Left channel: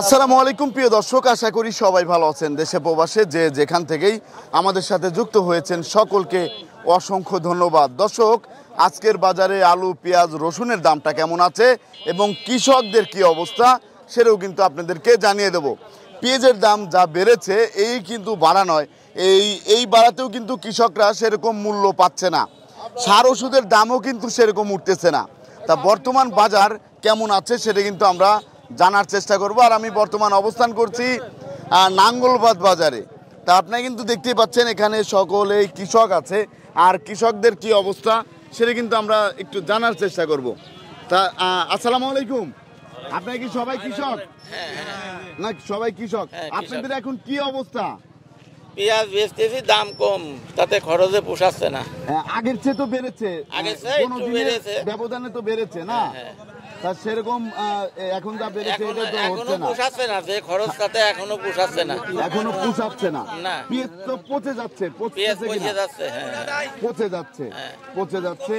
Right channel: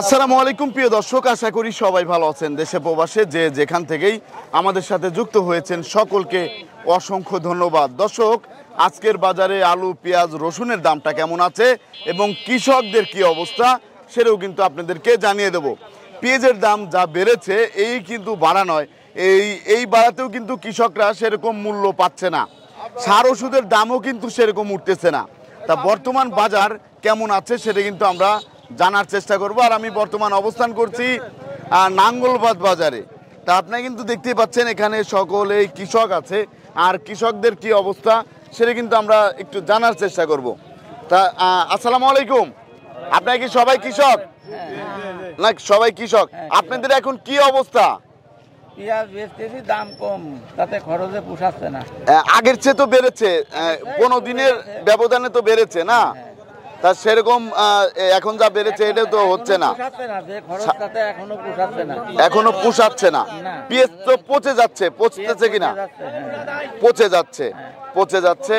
আসসালামু আলাইকুম প্রিয় দর্শক, আশা করি সবাই ভালো আছেন। দেশে প্রবাসে যে যেখান থেকেই আমাদের সাথে যুক্ত হয়েছেন সকলকে অসংখ্য ধন্যবাদ। দর্শক, আজকের বাজারে আলু, পেঁয়াজ, রসুনের দামটা কেমন আছে এবং কৃষকদের কি অবস্থা সেটাও কিন্তু আপনাদেরকে জানিয়ে দেব। পেঁয়াজের দাম যা বেড়েছে এই কিন্তু বাড়া নয়, এই বাড়াতেও কিন্তু কৃষকরা সেরকম মূল্য পাচ্ছে না। সার ওষুধের দামও কিন্তু সেরকম উঠতেছে না। তা বর্তমান বাজার কেমন আছে সেটা কিন্তু আমরা জানার চেষ্টা করব। আর আমি বর্তমান অবস্থান করছি নাঙ্গলবাদ বাজারে। তা আপনারা কিন্তু দেখতেই পাচ্ছেন এখানে সকলেই কৃষক আছে, আর কৃষকদের কি অবস্থা সেটা কিন্তু আমরা একটু জানার চেষ্টা করব। তা আসসালামু আলাইকুম, আপনারা কি সবাই কৃষক? না, সবাই কৃষক। আপনাদের এখন কি অবস্থা? পেঁয়াজ বেচতেছি, দাম কম, তাতে খরচে পোষাচ্ছে না। আগের চেয়ে তো বেড়েছে, 15 দিনের ব্যবধানে তো বেড়েছে না? তা সেরকম এখন যা বেড়েছে এটা তো হচ্ছে না, এখনো পোষাচ্ছে না। পেঁয়াজ তো পচে যাচ্ছে, পচতেছে কিনা? পচে যাচ্ছে।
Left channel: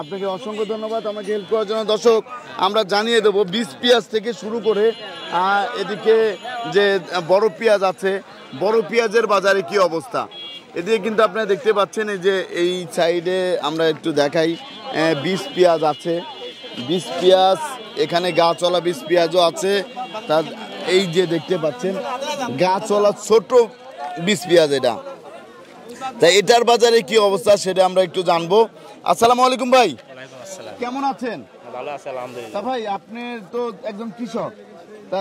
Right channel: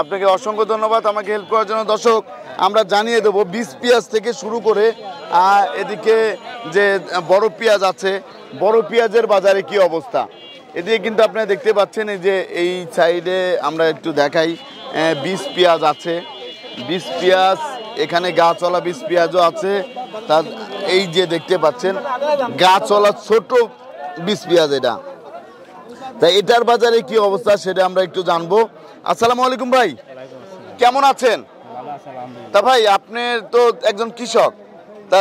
আপনাকে অসংখ্য ধন্যবাদ আমাকে হেল্প করার জন্য। দর্শক, আমরা জানিয়ে দেবো বীজ পেঁয়াজ থেকে শুরু করে এদিকে যে বড় পেঁয়াজ আছে, বড় পেঁয়াজের বাজারে কি অবস্থা এদিকে কিন্তু আপনারা দেখতে পাচ্ছেন। এই যে এই সাইডে আমরা একটু দেখাই, বীজ পেঁয়াজ আছে, বীজ পেঁয়াজ এখানে গাছওয়ালা বীজ পেঁয়াজও আছে। তার এই যে দেখতে পাচ্ছেন গাছওয়ালা ছোট বীজ পেঁয়াজ এটা। তাই এটার বাজারে কি অবস্থা সেটা আমরা একটু জানবো। আসসালামু আলাইকুম ভাই, কেমন আছেন? তা ভাই, আপনি তো একজন কৃষক, তা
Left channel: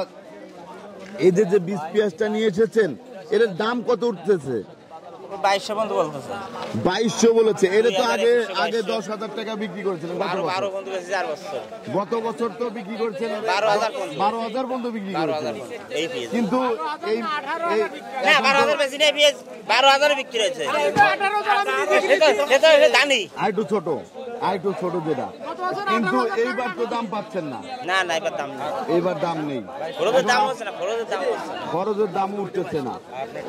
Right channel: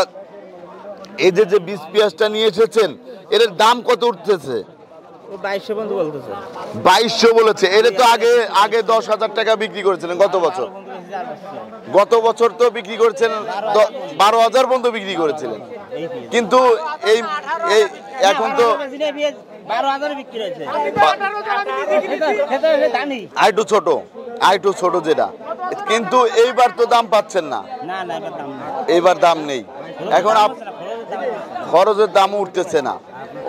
এই যে বীজ পেঁয়াজটা নিয়ে এসেছেন এর দাম কত উঠতেছে? 2200 বলেছে। এর তো আগে 10,000 টাকা বিক্রি করেছিলেন গত বছর তো বিক্রি করেছেন 12,000 পর্যন্ত বিক্রি করেছিলেন, কিন্তু এই এখন তো 12,000 বিক্রি হয়েছে। আইটু ছোট যেটা, কিন্তু এইবার তো দাম পাচ্ছেন না। এইবার দাম নেই, এখন খরচের দামও উঠতেছে না,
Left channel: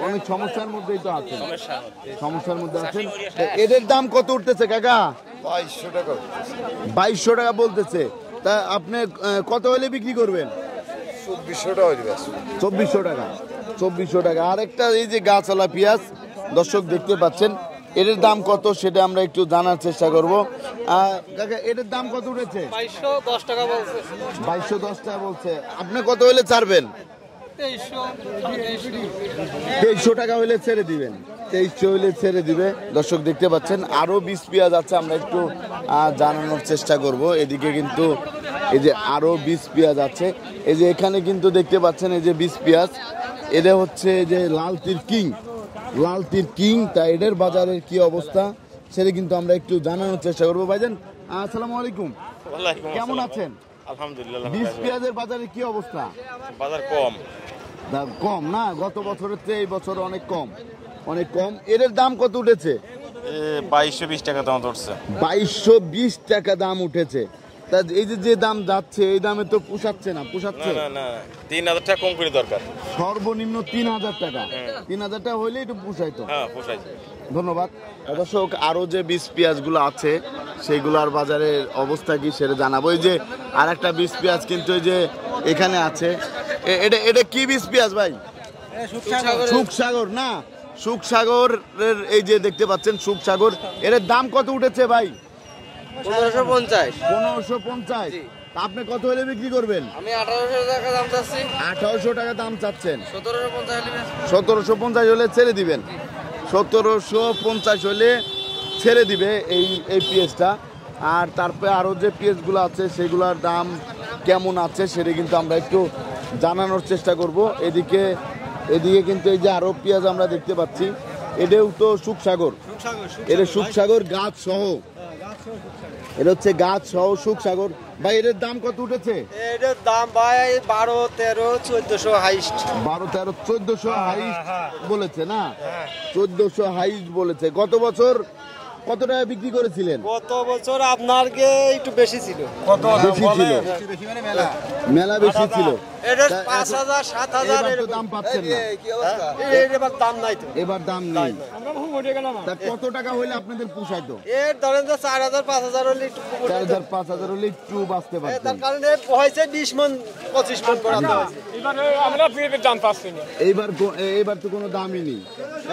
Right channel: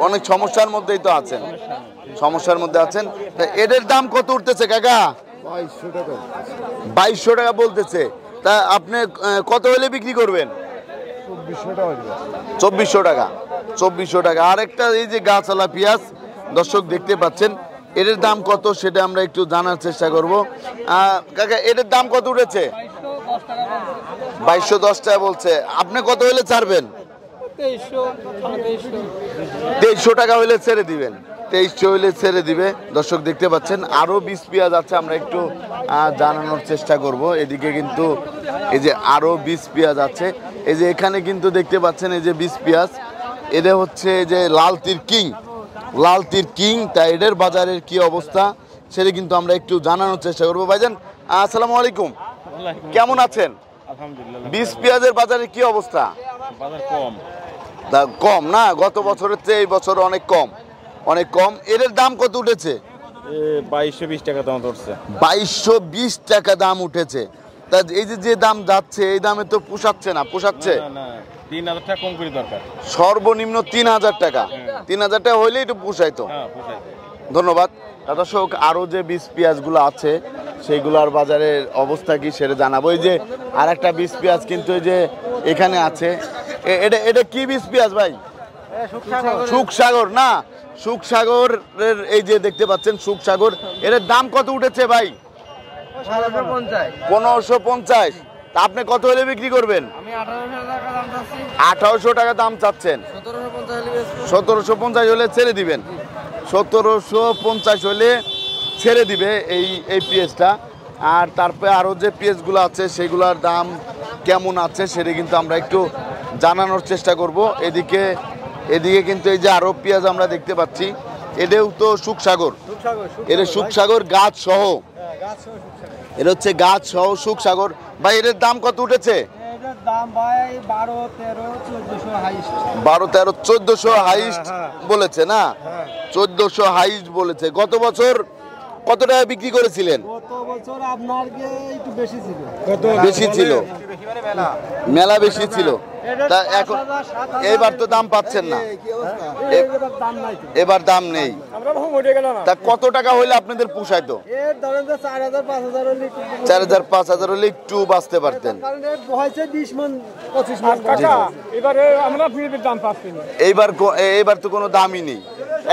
অনেক সমস্যার মধ্যেই তো আছেন, সমস্যার মধ্যে আছেন। এদের দাম কত উঠতেছে কাকা? 2200 টাকা বলতেছে। তা আপনি কত হলে বিক্রি করবেন? 2400 টাকা। আরেকটা এই যে গাছওয়ালা পেঁয়াজ দর্শক দেখতে পাচ্ছেন, এর দাম কত সেটা আমরা একটু জানার চেষ্টা করব। কাকা, এর দাম কত উঠেছে? 2210 টাকা বলছে। আপনি কত হলে ছাড়বেন? 2300 টাকা হলে ছেড়ে দিবেন। 2300 হলে ছেড়ে দিবে। দর্শক দেখতে পাচ্ছেন আরো বীজ পেঁয়াজ আছে, আমরা একটু জানানোর চেষ্টা করব। এদিকে কিন্তু এই যে আরো বীজ পেঁয়াজ আছে, এই যে এখানে কিন্তু দেখতে পাচ্ছেন এই যে বীজ পেঁয়াজ, এটা হচ্ছে যে লাল তীর কিং। তা এদের বাজারের কি অবস্থা সেটা কিন্তু আমরা একটু জানানোর চেষ্টা করবো। ভাইজান আসসালামু আলাইকুম, কেমন আছেন? আলহামদুলিল্লাহ। বীজ পেঁয়াজের বাজারে কি অবস্থা? বাজার কম। কম না? গত বছরের চেয়ে এই বছর অনেক কম। এর দাম কত উঠেছে? 2220 টাকা দাম উঠছে। 2220 টাকা দাম উঠেছে। তা এই যে দাম যাচ্ছে এই দামে তো পোষাচ্ছে না। 3000 টাকা কম করে দরকার, সর্বনিম্ন 3000 টাকা। 3000 টাকা হইলে একটু পোষাইতো। ধন্যবাদ। দর্শক, আরো যে বীজ পেঁয়াজগুলো আছে সেইগুলোর বাজারের অবস্থা কি সেটা জানাবো। এই যে আর একটা বীজ পেঁয়াজ কিন্তু এই যে এখানে আছে, এটা কি বীজ পেঁয়াজ ভাই? সুখসাগর না? সুখসাগরের এই যে দেখতে পাচ্ছেন সুখসাগর, এর দাম কত উঠেছে ভাই? 1550। আপনি কত হলে বিক্রি করবেন? 1800 টাকা দাম চাচ্ছেন। 1750 হলে ছেড়ে দিবেন। 1750 হলে ছেড়ে দিবে এই পেঁয়াজটা। আর তারপরে আরও যে পেঁয়াজগুলো আছে সেগুলোর দাম কেমন আছে সেটা কিন্তু আমরা একটু জানানোর চেষ্টা করব। এদিকে কিন্তু এই যে আরও পেঁয়াজ আমরা দেখতে পাচ্ছি, এটাও তো সুখসাগর। এটা সুখসাগর গাছ সহ, এটা হচ্ছে গাছ সহ সুখসাগর। ভাই, এর দাম কত উঠেছে? এটার দাম ভাই 12-13-1400 হাইস্ট। 12-13-1400 হাইস্ট বলেছে না? 1400 হাইস্ট বলেছে। গত বছর কত টাকা বিক্রি করেছিলেন? গত বছর আপনার একটু বেশি ছিল। বেশি ছিল, মেলা বেশি ছিল। এটা তা 5,000 7,000 এবার তো দাম পাচ্ছেন না, এবার দাম নাই তো। এবার দাম নেই। আমরা বহু বলে গেলাম তা কত টাকা হইলে আপনাদের পোষায়? তো এর ধরেন যে 4,000 5,000 হলে একটু 4,000 5,000 হলে একটু বাঁচতে পারতেন। কারণ এর বহাইছে 20 মণ 25 মণ এবারে আমরা ফ্রিতে দাম পাচ্ছি না। এইবার তো কোনো দামই নেই।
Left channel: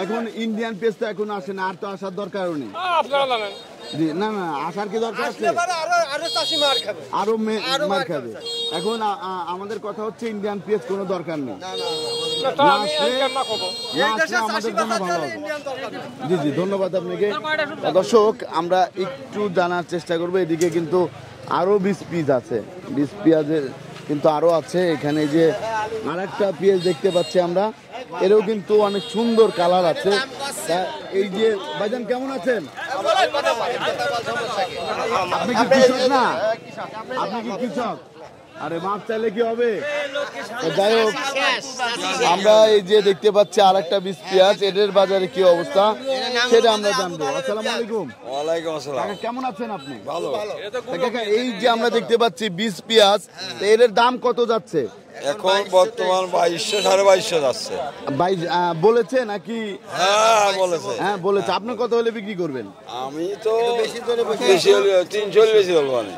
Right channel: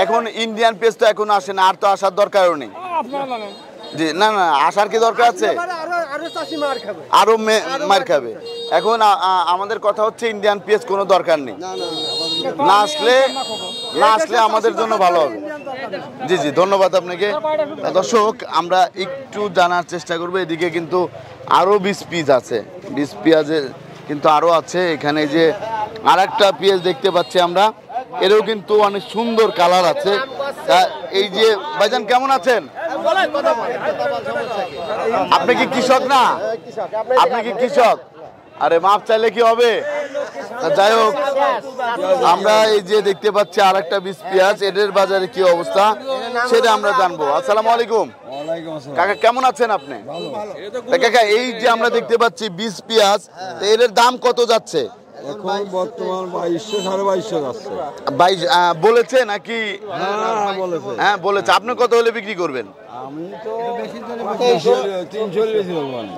এখন ইন্ডিয়ান পেজ তো এখন আসে না, আর তো আসার দরকারও নেই। আপনারা জানেন জি, না না, আসার কি দরকার আছে? আরো চাষি মার খাবে। আরো মার খাবে। এখন আমাদের কথা হচ্ছে ইন্ডিয়ান পেজ কোনো দরকার নেই, না আসলে আমাদের জন্য ভালো হবে। জি জি, ধন্যবাদ আপনাকে। দর্শক, আমরা একটু জানার চেষ্টা করবো, এদিকে কিন্তু আরো 20 পিস আছে, 20 পেঁয়াজের কিন্তু আরো আছে। এখানে যে আর একটা পেঁয়াজ দেখতে পাচ্ছি আমরা, এরও কিন্তু অনেক সুন্দর কালার আছে। তা এই যে ভাইজান কেমন আছেন? আপনি কি কৃষক? না, আপনি কি কৃষক? আরে মাপ চাইলে কি হবে? যাই হোক, আমরা এই যে দেখতে পাচ্ছি আর একটা 20 পেঁয়াজ, এদের বাজারে কি অবস্থা সেটা আমরা জানবো। আসসালামু আলাইকুম। কাকা কেমন আছেন আপনি? তা কাকা, এই যে আমরা দেখতে পাচ্ছি 20 পেঁয়াজ, তো এদের দাম কত যাচ্ছে এখন? বর্তমান 2200 2250 যাচ্ছে। 22 বলেছে নাকি? হ্যাঁ বলেছে। হ্যাঁ বলেছে। আপনি কত হলে বিক্রি করবেন? আমি তো 300 বেশি বলবো না।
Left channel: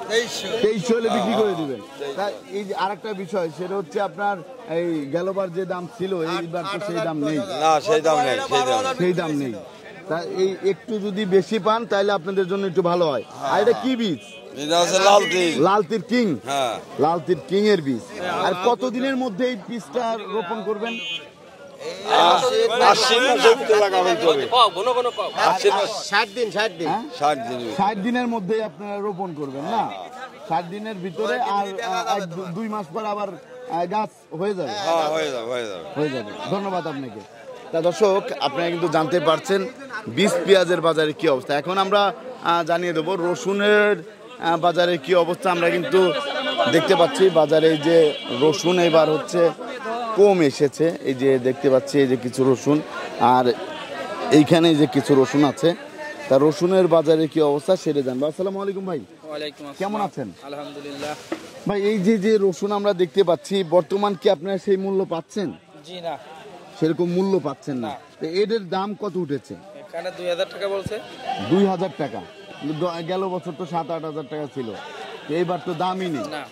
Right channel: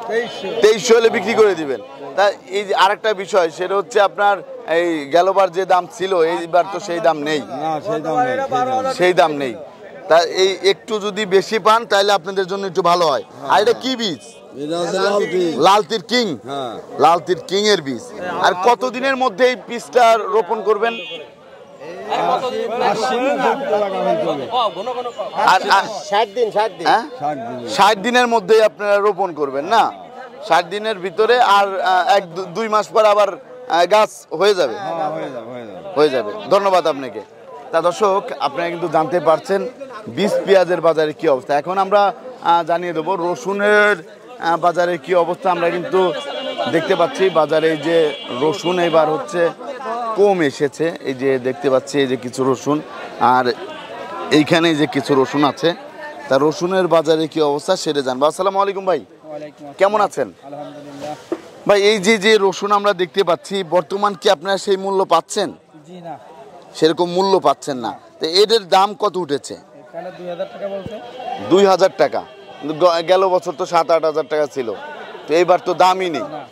2300 হলে বিক্রি করে দিবেন। তা এই যে আরেকটা বিষয়, সেটা হচ্ছে আপনার এই গেলবার যে দাম ছিল, এইবার তো সেই দাম নেই। না সেই দাম নেই, সেই দাম নেই। তা এই একটু যদি বেশি পান তাহলে আপনাদের জন্য একটু ভালো হয়। আর এটা কি বীজ? এটা হচ্ছে লালতি। লালতির কিং। হ্যাঁ, লালতির কিং এর বীজ। আর কতদিনের মধ্যে এই বীজটা রোপণ করবেন? আর 60 দিন হ্যাঁ? 60 দিন। 60 দিনের মধ্যেই আপনারা রোপণ করবেন না? 60 দিনের ভিতরে আর 1-2 মাস পর আবার গাছ হয়ে যাবে। হ্যাঁ, হয়ে যাবে। ধন্যবাদ আপনাকে। তা দর্শক, আপনারা কিন্তু জানতে পারছেন 20 পেঁয়াজের বাজারে কি অবস্থা। এখন আমরা জানিয়ে দেবো রসুনের বাজারে কি অবস্থা। আমরা কিন্তু দেখতে পাচ্ছি বাজারে যে রসুন এবার হচ্ছে কম এসেছে। এই যে দেখতে পাচ্ছি এই যে কিছু রসুন, আর এইখানে যে কিছু রসুন আছে। তা রসুনের বাজারে কি অবস্থা সেটা জানবো। আসসালামু আলাইকুম ভাই, কেমন আছেন? আলহামদুলিল্লাহ। ভাই, এই যে রসুন আমরা দেখতে পাচ্ছি, বর্তমান কি আপনারা সেই মূল্য পাচ্ছেন? জি না, সেরকম মূল্য পাচ্ছেন না। তো এদের দাম কত উঠেছে? এখানে 2000 টাকা বলছে। 2000 টাকা। কিন্তু গেল বছর তো 7-8 হাজার টাকা ছিল। তো এইবার তো দামই নেই। না,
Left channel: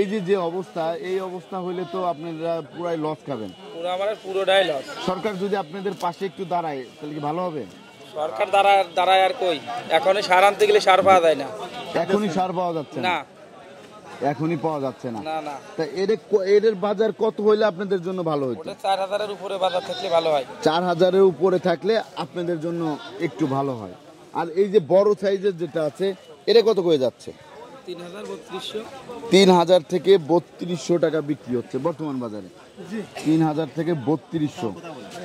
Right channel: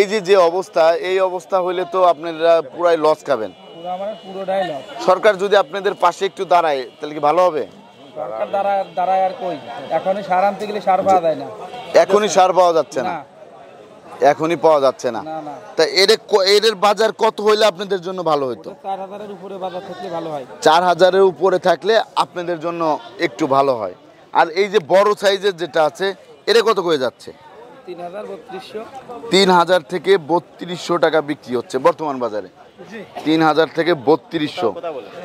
এই যে অবস্থা, এই অবস্থা হলে তো আপনারা পুরাই লস খাবেন। পুরোটাই লস। সরকার যদি আপনাদের পাশে একটু দাঁড়ায় তাহলে কি ভালো হবে? সরকার দাঁড়ায় আর কই? এখনই সার আনতে গেলে সার পাওয়া যায় না। এখনই সার পাওয়া যাচ্ছে না, না এখনই পাওয়া যাচ্ছে না। না না, তা এদের বাজার কত হইলে আপনাদের জন্য ভালো হতো? 4000-এর উপরে বাজার থাকলে ভালো হয়। 4000-এর উপরে থাকলে আপনাদের জন্য একটু ভালো হয়। আর এই যে বড় সাইজের যেটা আছে, এটা কত করে যাচ্ছে? 3000-3200। 3000 থেকে 3200 টাকা বিক্রি হচ্ছে বর্তমান বাজারে। 3000 থেকে 3200।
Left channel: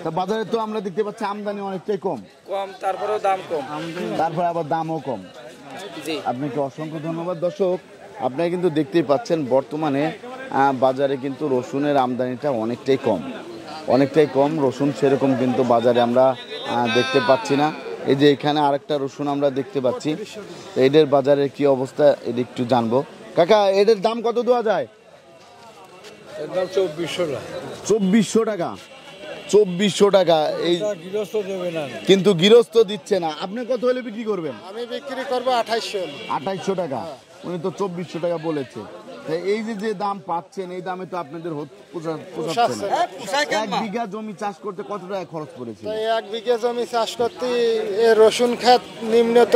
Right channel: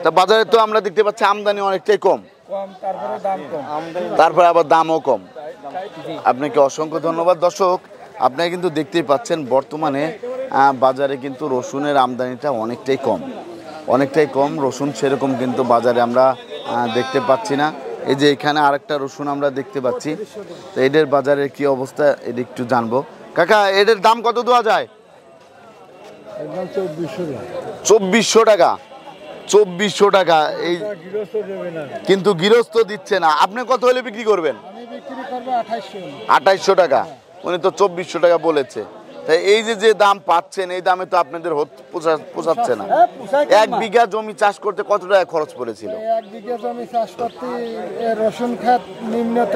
তা বাজারে তো আমরা দেখতে পাচ্ছি আমদানি অনেকটাই কম, তারপরেও দাম কম। তারপরে আবার দামও কম। জি। আপনাকে অসংখ্য ধন্যবাদ। দর্শক, আপনারা কিন্তু দেখতেই পাচ্ছেন বর্তমানে বাজারে কিন্তু রসুনের আমদানিটা অনেকটাই কম। রসুন সেরকম কিন্তু বাজারে আমরা দেখতে পাচ্ছি না। এই যে এখানে আরেকটা রসুন আমরা দেখতে পাচ্ছি। তো এদের বাজারের কি অবস্থা এটা একটু জানবো। কাকা, এদের দাম কত দেওয়া যায়? একদম 2400 না। 2400 টাকা। 2400 টাকা। এই গৃহস্থ দেবে না। কিন্তু গৃহস্থ দিচ্ছে না। আপনি কত হলে বিক্রি করবেন? আমি বিক্রি করব 2800। 2800 টাকা। উনি তো 2400 টাকা বলেছে। তাই এই যে দাম পাচ্ছেন, এই দামে তো আপনাদের পোষাচ্ছে না। হ্যাঁ, পোষায় 1 বিঘা জমি চাষ করতে কত টাকা খরচ পড়েছিল? 1 বিঘা জমি চাষ করতে রসুন ক্ষেত নিম্নত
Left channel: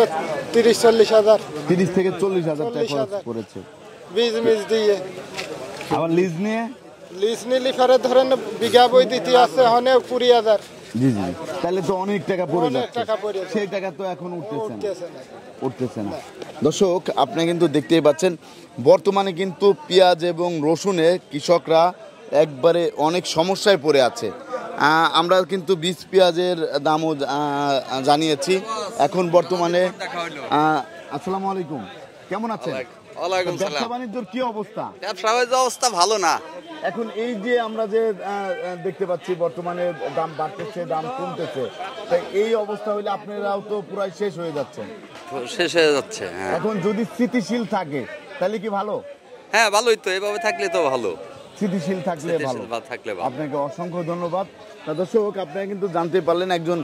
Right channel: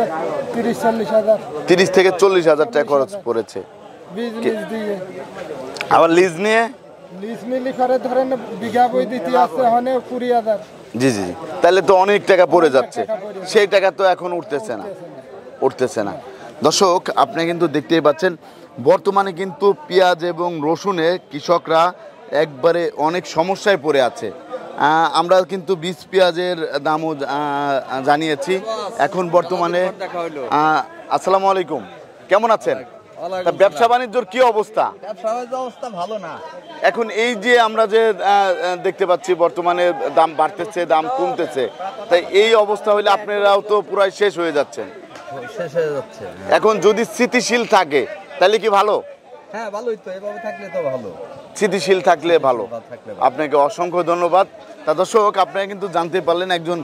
30-40 হাজার। 30 থেকে 40 হাজার টাকা খরচ পড়েছে। বীজ দিয়ে আবার লিজ নিয়ে? লিজ নিলে পরে ধরেন বিঘা বই দিতে আছে হনে 20,000। জি। তাহলে তো অনেক টাকা পড়ে যাচ্ছে। টাকা পড়ে যাচ্ছে। সেই টাকা তো এখন উঠতেছে না। দর্শক, আপনি কিন্তু দেখতেই পাচ্ছেন বর্তমানে কিন্তু পেঁয়াজ এবং রসুনে কৃষকরা একবারে অনেক সমস্যায় পড়ে আছে। আমরা কিন্তু 20 পেঁয়াজের দামও জানিয়েছি। এখন বর্তমানে আসসালামু আলাইকুম, কেমন আছেন? ব্যবসা বাণিজ্যর কি অবস্থা? ব্যবসা বাণিজ্য অবস্থা ভালো না। এখন এই যে আমরা যে দেখতে পাচ্ছি বর্তমানে দাম বাড়তেছে, দাম কমতেছে, তাই এই অবস্থা হলে আপনারাও তো পুরাই শেষ হয়ে যাচ্ছেন। শেষ হয়ে যাচ্ছে। এখন যদি স্থিতিশীল থাকে তাহলে কি ভালো? হ্যাঁ ভালোই তো, এভাবে থাকলে তো ভালো। স্থিতিশীল থাকলে ভালো। থাকলে আপনাকে অসংখ্য ধন্যবাদ। তা দর্শক, আপনারা কিন্তু জানতে পারলেন একজন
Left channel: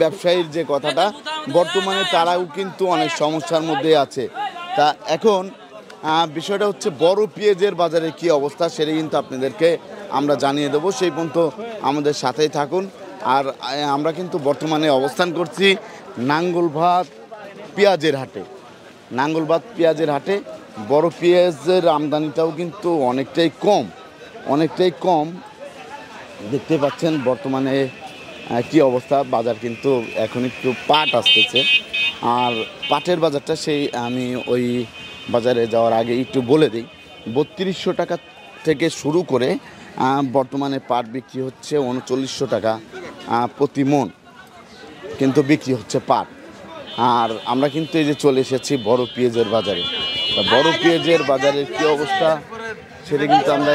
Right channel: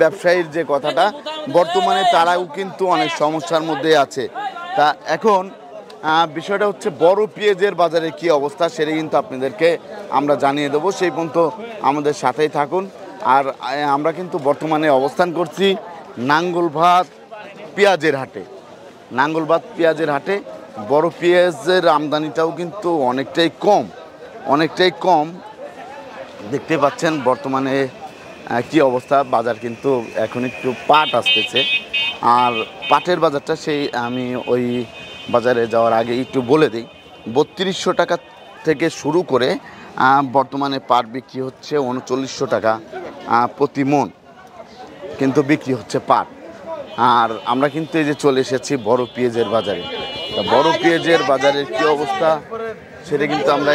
ব্যবসায়ীর যে কথাটা, বর্তমানে তারাও কিন্তু অনেক সমস্যার মধ্যে আছে। তা এখন বিষয়টা হচ্ছে বড় পেঁয়াজের বাজারে কি অবস্থা, সেটা কিন্তু আপনাদেরকে আমরা জানিয়ে দেবো। সেই পর্যন্ত আমাদের সাথেই থাকুন। আর আমরা কিন্তু বর্তমানে অবস্থান করছি নাঙ্গলভাত পেঁয়াজের হাটে। নাঙ্গলভাত পেঁয়াজের হাটে বড় পেঁয়াজের আমদানিটাও কিন্তু অনেকটাই কম দেখতে পাচ্ছেন। বর্তমানে কি অবস্থা, বাজার কিন্তু এখন একটু পাট আসতেছে। আর পাটের বাজারটা আমি ওই বাজারে যাওয়ার আগে একটু বলে দিই, 3200 টাকা থেকে শুরু করে বর্তমানে পাট বিক্রি হচ্ছে 3900 টাকা প্রতি মণ কিন্তু বিক্রি হচ্ছে পাট। আর আমরা কিন্তু এই যে চলে এসেছি বড় পেঁয়াজের বাজারে। তা বড় পেঁয়াজের বাজারের কি অবস্থা সেটা কিন্তু আমরা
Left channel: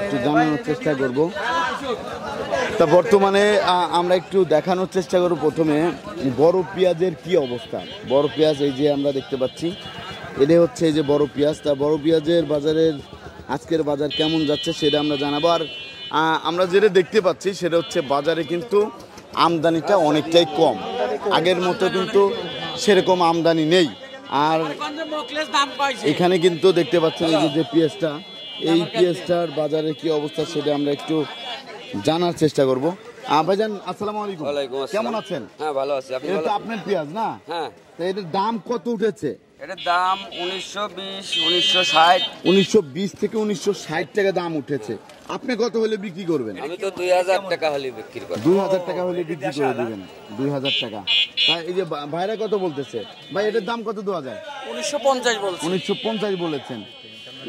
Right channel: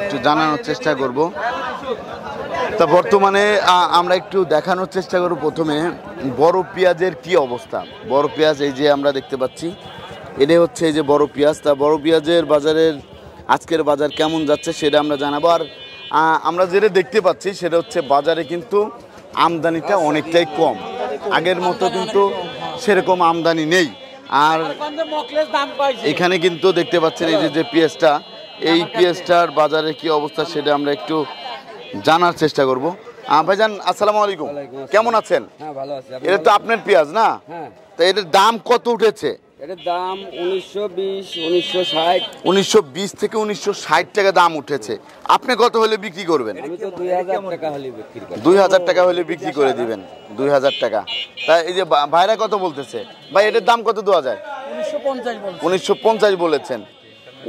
একটু জানানোর চেষ্টা করব। তা বর্তমানে আমরা একটু দেখানোর চেষ্টা করব প্রথমে বড় পেঁয়াজের কি অবস্থা। বড় পেঁয়াজ এই যে আমরা দেখতে পাচ্ছি, এটাই হচ্ছে এই যে বড় পেঁয়াজ। তা বড় পেঁয়াজের বাজারের আজকের বাজার কেমন যাচ্ছে সেটা আমরা জানাবো। আর আমরা যেটা দেখতে পাচ্ছি সেটা হচ্ছে বাজারে কিন্তু আমদানিটা অনেকটাই কম, আগের মতো কিন্তু সেরকম আমদানি নেই। আর এখানে কিন্তু দেখতে পাচ্ছেন এই যে পেঁয়াজটা, এই পেঁয়াজটার বাজারে কি অবস্থা সেটা আমরা একটু জানার চেষ্টা করব। ভাইজান আসসালামু আলাইকুম, কেমন আছেন? হ্যাঁ ভালো আছি। এটা তো আপনার পেঁয়াজ না? হ্যাঁ। তো এটার দাম কত উঠেছে? এটার দাম 1920, 1960। 1920 থেকে 1960 টাকা দাম উঠেছে। আপনি কত হলে বিক্রি করবেন? আমি তো 2000 টাকা হলে বিক্রি করি। 2000 টাকা হলে বিক্রি করে দিবেন। 2000 টাকা। তাই এই যে ভাইরা কত বলতেছে? ভাই এটার দাম কত দেওয়া যায়? 1950 বলছি। 1950 বলেছেন।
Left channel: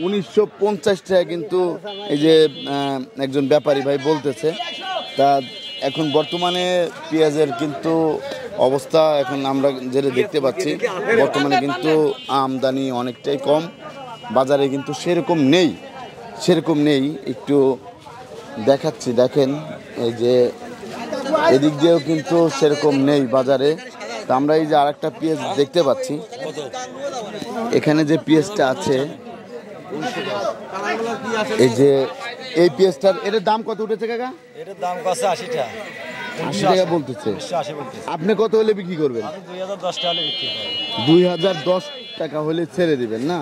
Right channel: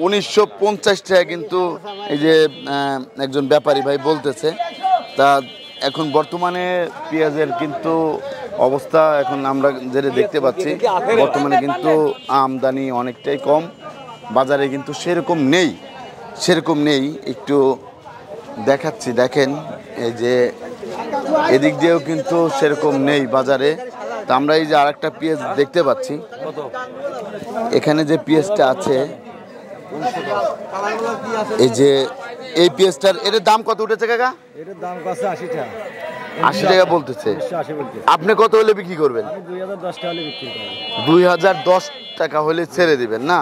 1950 টাকা কিন্তু এই যে একজন ব্যাপারী ভাই বলতেছে। তা এখন বর্তমানে পেঁয়াজের কিন্তু অবস্থা এখন আমরা যেটা দেখতে পাচ্ছি, বর্তমানে কিন্তু আমদানি অনেকটাই কম, বাজারে কিন্তু সেরকম নেই। একটু দেখাচ্ছি, দেখেন এই যে এদিক দিয়েও কিন্তু সেরকম নেই বাজারে। তা আমরা এই যে আরেকটা পেঁয়াজ দেখতে পাচ্ছি, এখানে যে পেঁয়াজটা আছে, এই যে এই পেঁয়াজটার এটার দাম কত উঠেছে কাকা? এটার দাম কত? 80 টাকা। 80 টাকা বলতেছে। 80 বলতেছে। আপনি কত হলে বিক্রি করবেন? আমি 2010 টাকা হলে বিক্রি করি। 2010 টাকা হলে ছেড়ে দিবেন না?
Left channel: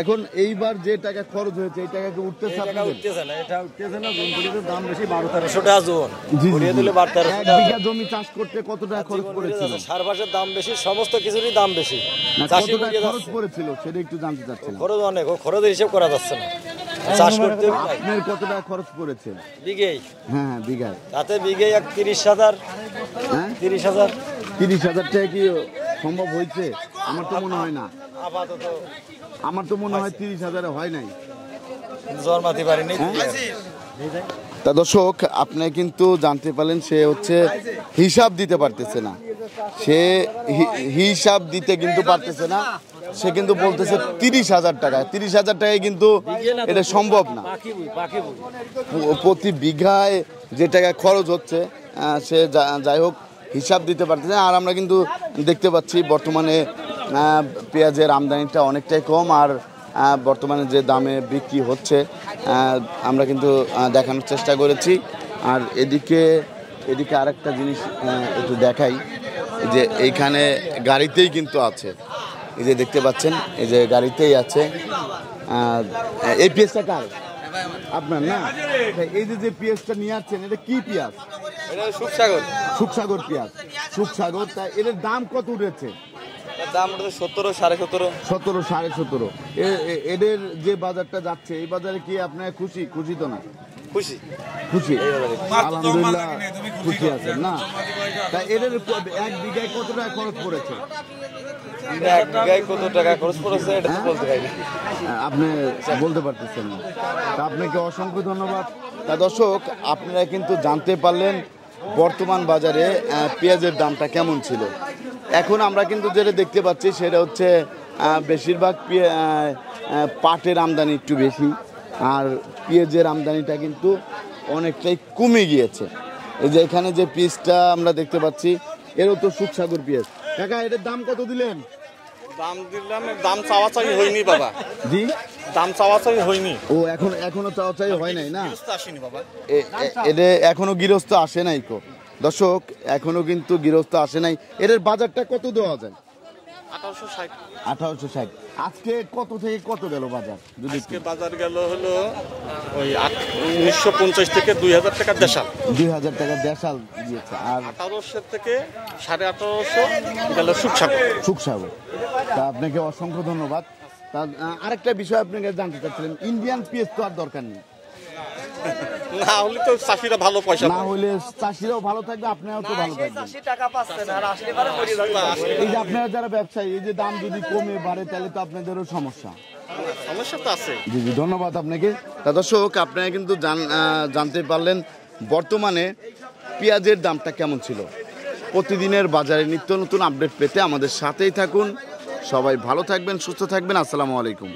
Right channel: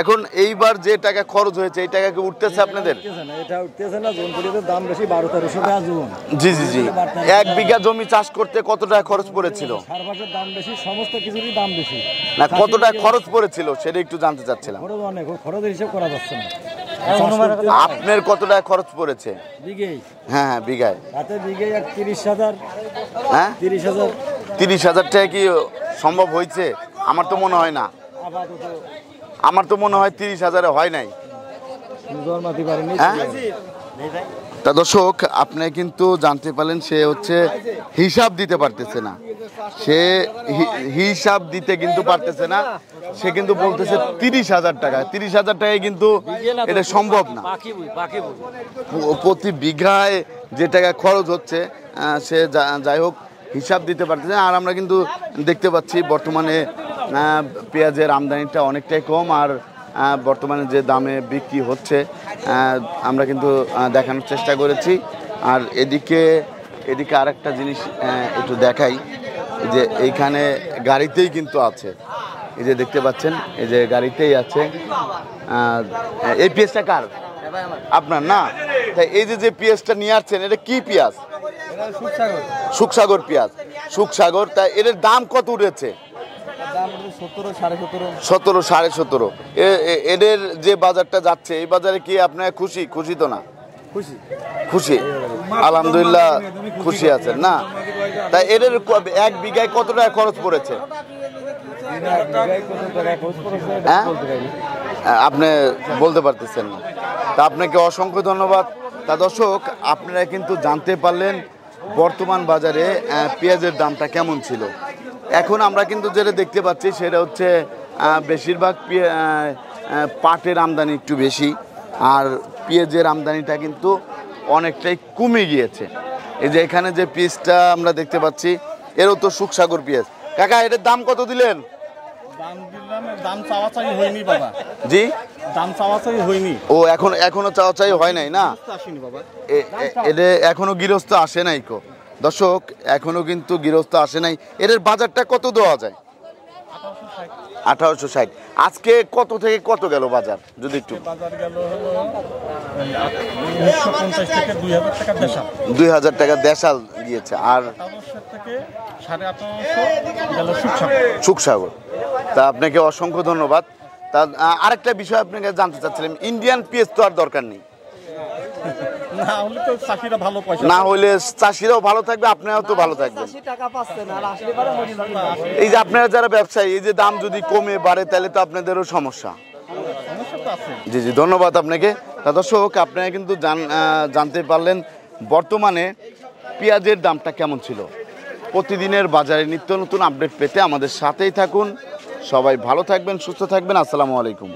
এখন এইবার যে টাকা খরচ হয়েছে এই টাকা কি উঠতেছে আপনাদের? এটা উঠতেছে না, জমির দাম বেশি, 1200 টাকা জমি। জি। 1 বিঘা জমি চাষ করতে কত টাকা খরচ পড়েছিল? সার বাসের দাম বেশি, সমস্ত কিছুরই দাম বেশি। না, কত টাকা খরচ পড়েছিল সেটা একটু জানতে চাচ্ছিলাম। খরচ অনেক, খরচের হিসাব করা যাচ্ছে না। আপনার কত টাকা খরচ পড়েছে? বিঘেই? হ্যাঁ বিঘায়। তাতে বিঘে 30,000। হ্যাঁ 30,000। 30,000 টাকা কি সম্ভব হয়েছে? আমার তো মনে হয় না। আপাতত আমার তো মনে হয় 30,000-এ হয় নাই। জন্মাতে পারেনি। তা দর্শক, আপনি কিন্তু জানতে পারলেন সে হচ্ছে হিসাব দিতে পারতেছে না। সে হিসাব দিতে কিন্তু পারতেছে না। সে কিন্তু বলতেছে 30,000 টাকা। 30,000 টাকায় কিন্তু এটা সম্ভব না। প্রতি বিঘায় যে টাকা খরচ হচ্ছে সে যাই হোক হিসাব দিতে পারতেছে না। আর আমরা কিন্তু দেখতে পাচ্ছি বর্তমানে পেঁয়াজের আমদানিটা অনেকটাই কম। আর বর্তমানে যে দামে বিক্রি হচ্ছে আমরা কিন্তু দেখানোর চেষ্টা করেছি। আর এদিকে আরেকটা জিনিস একটু দেখাই, যে এইখানে গাড়িতেই কিন্তু আছে, এই যে দেখতে পাচ্ছেন এই যে গাড়িতেই আছে। এই পেঁয়াজটা কার? আপনার না? এই যে পেঁয়াজটা নিয়ে আসছেন এটা কি পেঁয়াজ? সুখসাগর পেঁয়াজ। সুখসাগর। তা এর দাম কত উঠেছে? দাম উঠেছে 17, 17.5। 17, 17.5। এদের যে বাজারটা যাচ্ছে এই বাজারে কি আপনার খুশি তো না? খুশি আলহামদুলিল্লাহ, খুশি আছেন না? তাই এদের 1 বিঘায় কত টাকা খরচ পড়েছে? আপনি বলতে পারতেছেন না? তা আপনাকে অসংখ্য ধন্যবাদ। তা দর্শক, আপনারা কিন্তু জানতে পারলেন বর্তমান বাজারে পেঁয়াজের দামটা কেমন ছিল। এখন আমরা কিন্তু যেটা দেখতে পাচ্ছি সেটা হচ্ছে বেশিরভাগ পাটের আমদানি একটু বেশি, আর পেঁয়াজের আমদানিটা কিন্তু অনেকটাই কমে গিয়েছে। এই যে এখানে যে পেঁয়াজটা আমরা দেখতে পাচ্ছি এরও তো সুখসাগর পেঁয়াজ। কাকা এটার দাম কত দিলেন? দাম দিলাম, দাম চাওয়া চাই হয়নি বাবা। জি, দাম চাওয়া চাই হয়নি। ও এখনো চাওয়া চাই হয় নাই না? আসেনি বাবা। এদের এখনো গৃহস্থ আসে নাই কো দর্শক, এখনো কিন্তু গৃহস্থ আসে নাই। এর বাজারটা কত দেওয়া যায়? 1860। আজকে কত থেকে কত গেল বাজার যদি একটু? বাজার গেল হলো ওই 1950 থেকে 2000 টাকা দেশাল। 2000 টাকা দেশাল গিয়েছে। আর 1800 থেকে 1850 গেল সুখসাগর। সুখসাগর। তা আপনাকে অসংখ্য ধন্যবাদ। তা আরেকটা বিষয় আপনাকে জানতে চাচ্ছিলাম, ইন্ডিয়ান পেঁয়াজ তো আর দরকার নেই, না হলে তো চাষিরা ভালো পয়সা না হলে চাষিরাও ভালো থাকবে, আপনারাও তো ভালো থাকবেন। এই যে আপনারা যারা ব্যবসায়ী, এই যে দাম যদি কমে বাড়ে তাহলে তো আপনাদেরও সমস্যা তো আছে। জি জি, ধন্যবাদ আপনাকে। তা দর্শক, আপনারা কিন্তু জানতে পারলেন বর্তমানে পেঁয়াজের দামটা কেমন ছিল। প্রতিদিনের বাজারে নিত্য নতুন আপডেট পেতে আমাদের সাথেই থাকুন। সবাই ভালো থাকবেন, সুস্থ থাকবেন। আসসালামু আলাইকুম।